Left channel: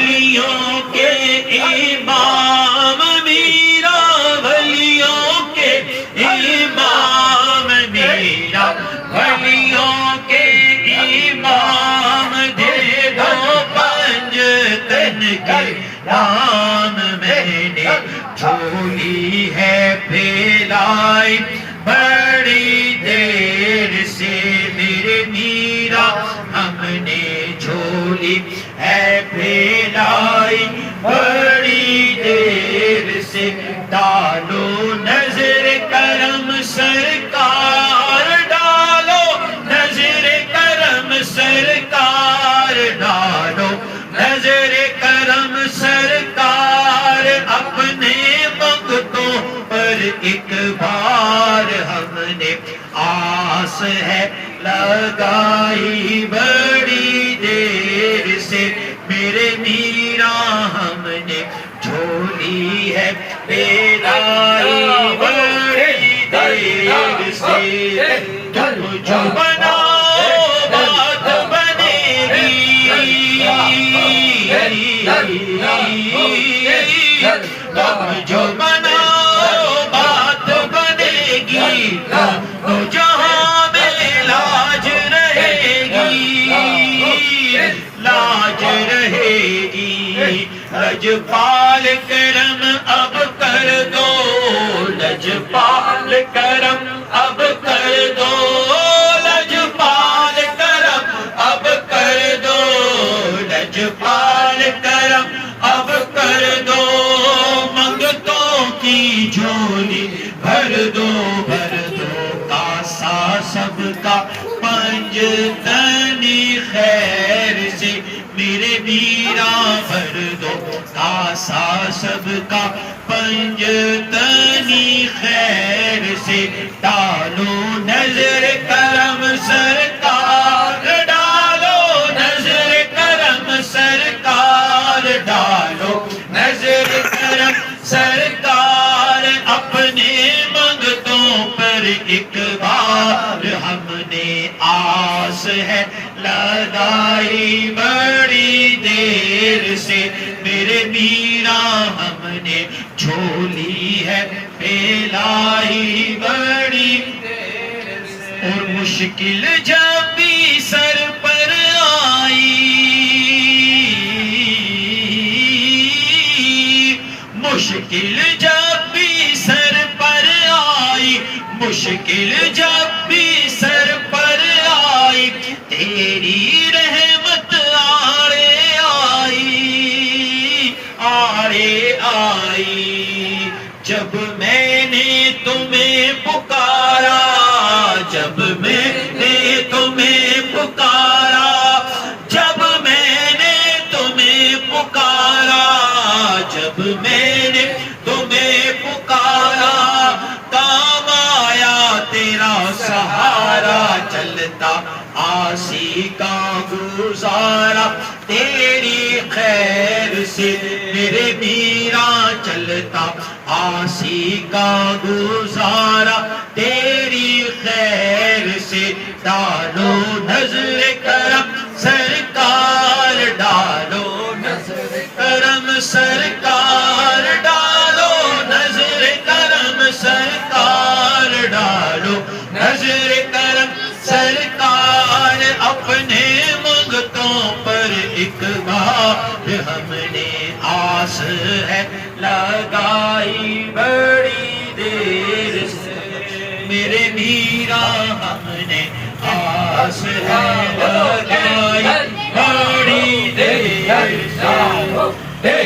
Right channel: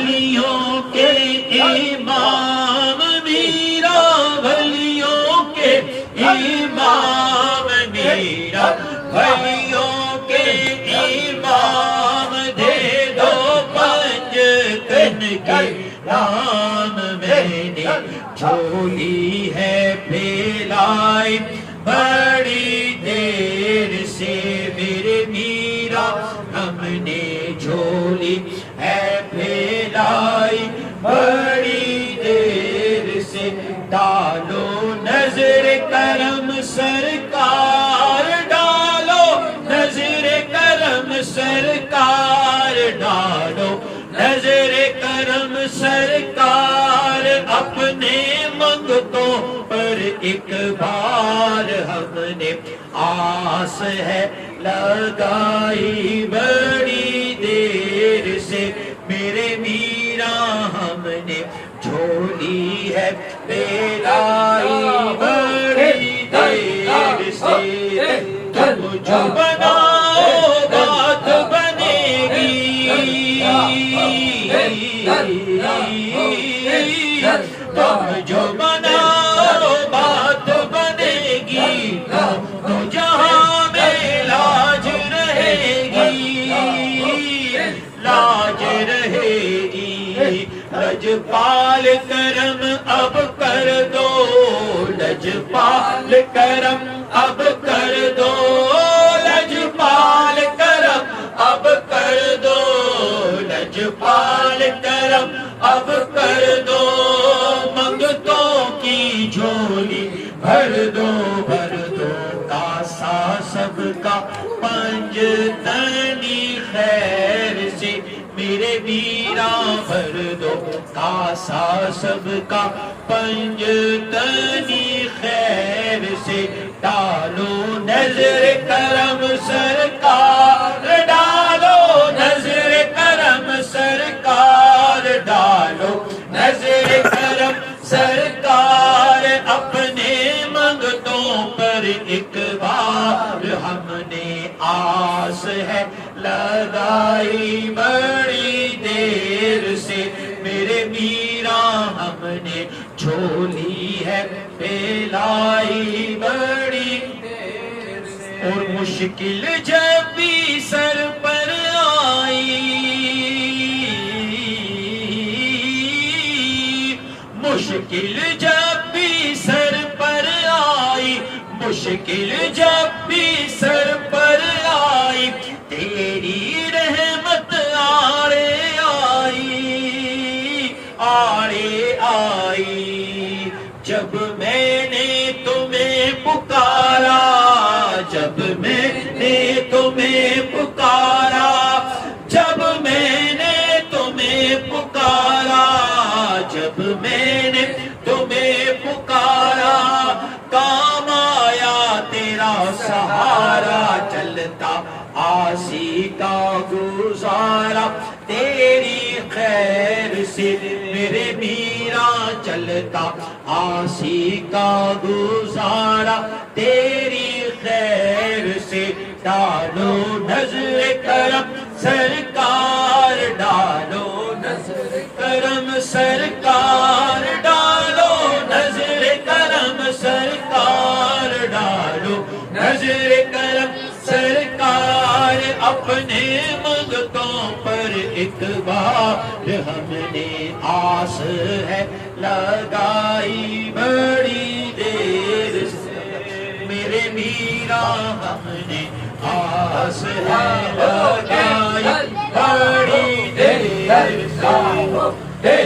ولیوں کے امام میرا، ولیوں کے امام میرا، ولیوں کے امام دے دو پنجتن کے نام میں نے جھولی ہے پھیلائی بڑی دیر سے میرے میرا، ہم نے جھولی ہے پھیلائی بڑی دیر سے، ڈالو نظر کرم سرکار، ڈالو نظر کرم سرکار، ڈالو نظر کرم سرکار، اپنے منگتوں پر ایک بار ہم نے آس ہے لگائی بڑی دیر سے میرے میرا، ہم نے جھولی ہے پھیلائی بڑی دیر سے، تم جو بناؤ بات بنے گی، تم جو بناؤ بات بنے گی، تو جہاں میں لاج رہے گی، لاج رہے گی، لجپال کرم اب کر دو، لجپال کرم اب کر دو، لجپال کرم اب کر دو، لجپال کرم اب کر دو، منگتوں کی جھولی بھر دو، بھر دو، کاسا سب کا پنجتنی خیر سے میرے میرا بھر دو، کاسا سب کا پنجتنی خیر سے، ڈالو نظر کرم سرکار، ڈالو نظر کرم سرکار، ڈالو نظر کرم سرکار، اپنے منگتوں پر ایک بار ہم نے آس ہے لگائی بڑی دیر سے میرے میرا، ہم نے جھولی ہے پھیلائی بڑی دیر سے، اور مشکل جب بھی سر پر آئی، مشکل جب بھی سر پر آئی، مشکل جب بھی سر پر آئی، تیری رحمت آڑے آئی، آڑے آئی، جب میں نے تمہیں پکارا، جب میں نے تمہیں پکارا، جب میں نے تمہیں پکارا، جب میں نے تمہیں پکارا، کام آیا تیرا سہارا، چلتا آسی کا گزارا تیری خیر سے میرے میرا، چلتا آسی کا گزارا تیری خیر سے، ڈالو نظر کرم سرکار، ڈالو نظر کرم سرکار، ڈالو نظر کرم سرکار، ڈالو نظر کرم سرکار، اپنے منگتوں پر ایک بار ہم نے آس ہے لگائی بڑی دیر سے میرے میرا، ہم نے آس ہے لگائی بڑی دیر سے،